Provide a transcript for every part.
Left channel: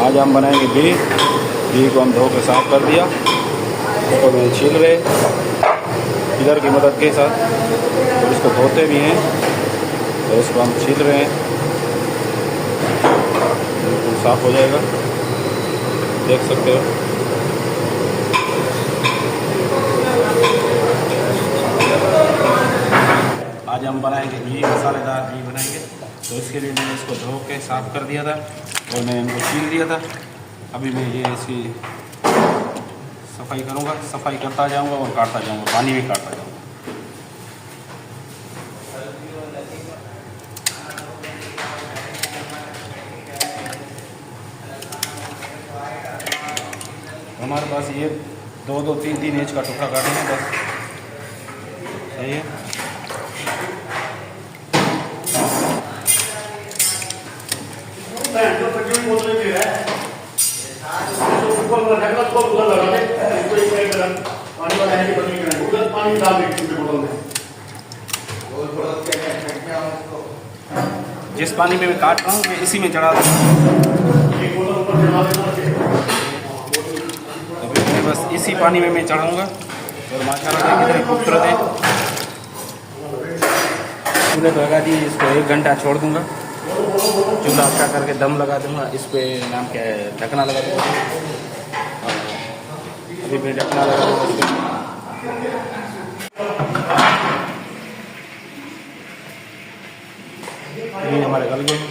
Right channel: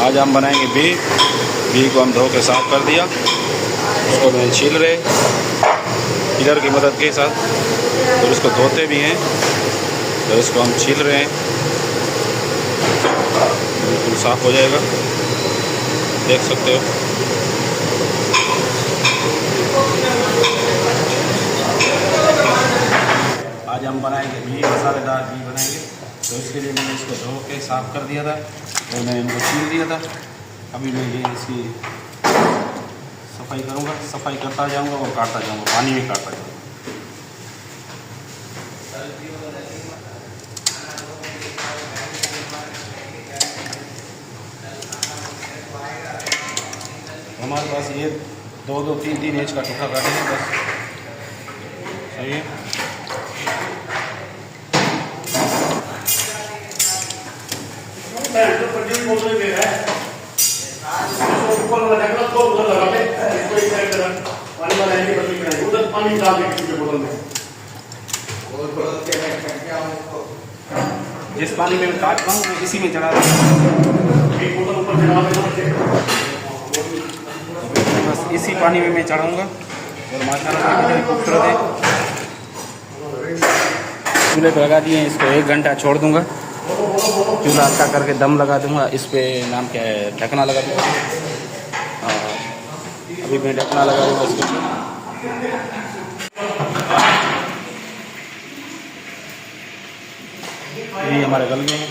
आज हम बनाएंगे बीफ को हम धो के साफ़ कर दिया, उसको मैं छील रहे पिलर की मदद के साथ, और इसको धोते भी हैं, तो इसको हम छील रहे हैं, बिल्कुल साफ़ हो जाएगा, देख सकते हो। आज हम बनाएंगे बीफ, मसालेदार बीफ बनाएंगे, तो इसके लिए मैंने इसको धो के साफ़ कर दिया था और मैंने इनको छील दिया था। अभी मैं ये इसकी सफाई करूँगा, सफाई करता जाऊँगा और काटता जाऊँगा, पानी में काटता जाऊँगा। हमारे पास ये 2-2, 3-3 इंच का टुकड़ा काटेंगे बस, सही है। जिस पानी में मैं काट रहा हूँ मैं इसी में चढ़ा दूँगा, बस इसी पानी में मैं चढ़ाऊँगा। और माशाल्लाह कितने खूबसूरत है। चूल्हे को लगा दिए, इसको 1 घंटा छोड़ दूँगा, चूल्हा अच्छा करके दम लगा दूँगा। इस पे नाम क्या है, ढकना लगा दूँगा। अभी मैं ढकना लगा दूँगा इसको। ये हमारे गल गए हैं,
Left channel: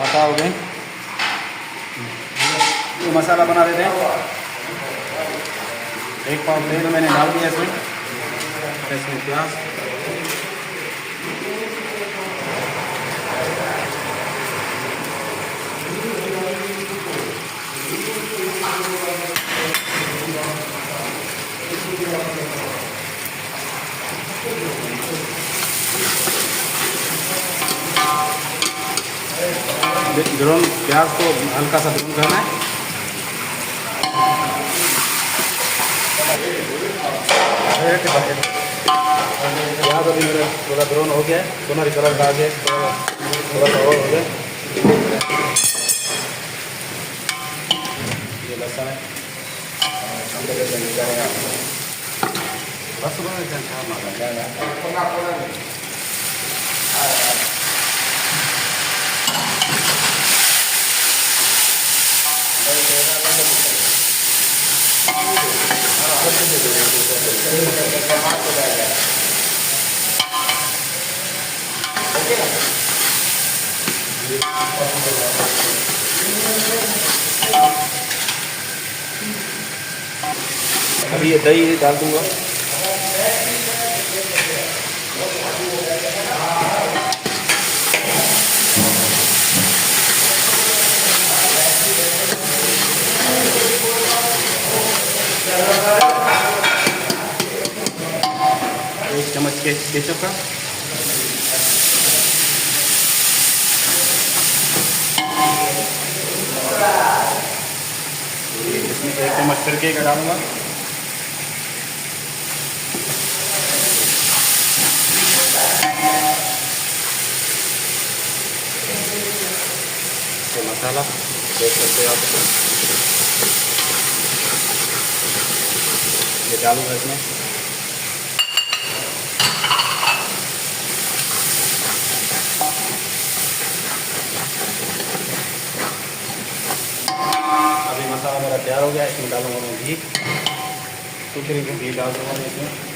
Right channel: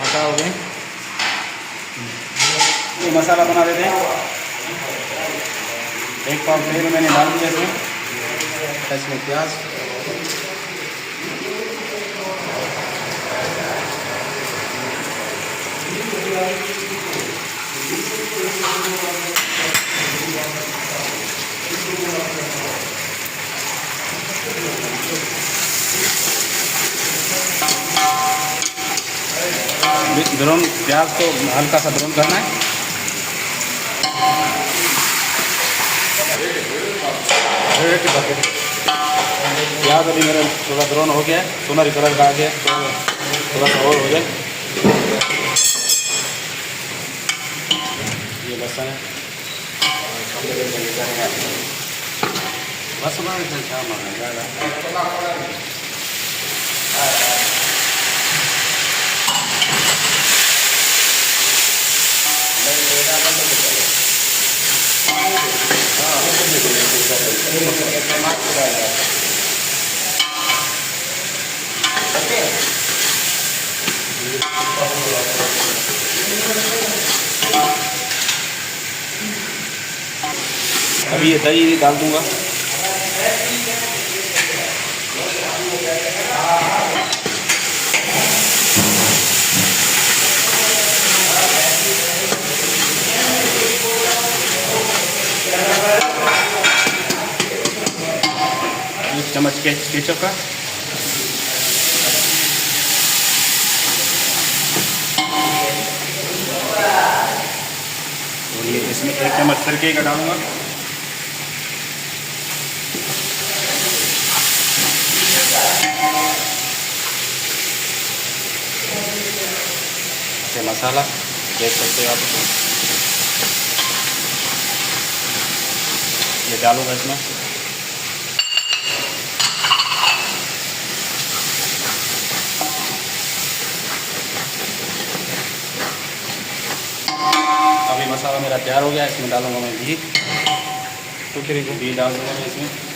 आटा हो गए। ये मसाला बना देते हैं। 1 पाव तेल मैंने डाल दिया इसमें प्याज, ब्राउन प्याज को हल्का सा ब्राउन करना है। प्याज अभी मेरा थोड़ा ब्राउन हो गया है, सोनरी कलर का आ गया, थोड़ा सा और हो जाए। ये लहसुन है, अभी ये दही डाल दूंगा। एक चम्मच केचप का, इसमें 1 चम्मच सिरके का डालूंगा। तो मसाला देख सकते हो आप, ये डालूंगा इसमें। अभी मसाला मेरा तैयार हो गया, इसमें डालूंगा मैं घी, टुकड़ी को घी डाल दूंगा इसमें।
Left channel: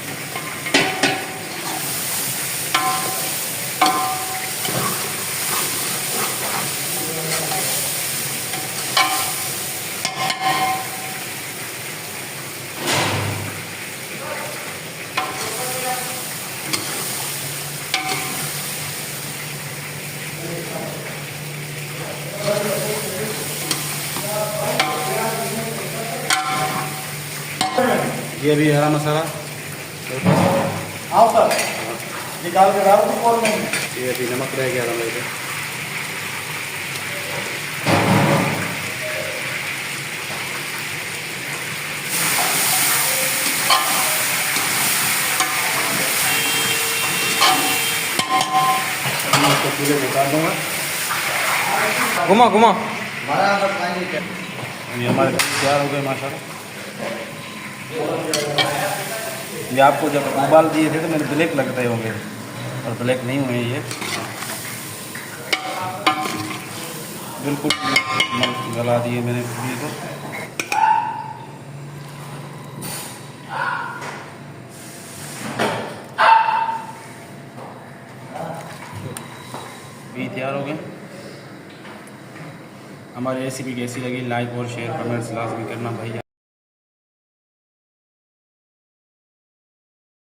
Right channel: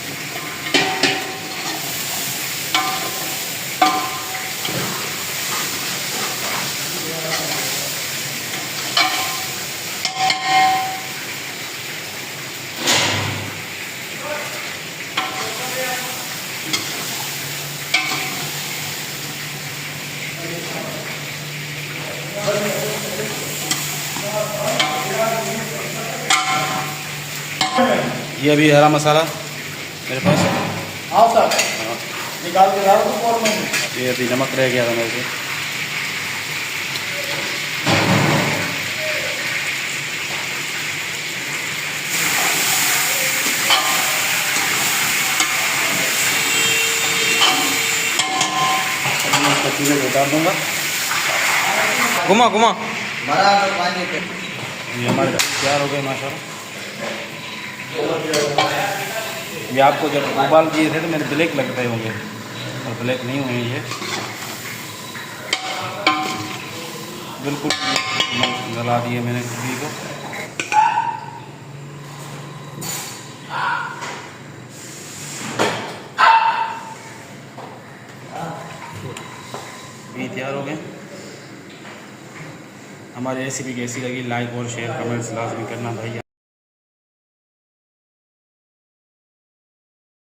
ये भी हरा मसाला मेरे पास। हाँ सर, निकाल के डाल दो और में। ये अभी नमक रह गया था मेरे को। चूल्हे को उतार दूँगा। घुमा घुमा। ये हमारे तैयार हो गए माशाल्लाह। ये आपको जब उबाल दिए थे तो मेरे ब्लैक लगते होंगे, और ब्लैक नहीं हुए ये, बिल्कुल गला दिए मैंने घी को। घी तैयार हो गए। हमारी रेसिपी कैसी लगी लाइक और शेयर कमेंट्स लाजमी करना भाई।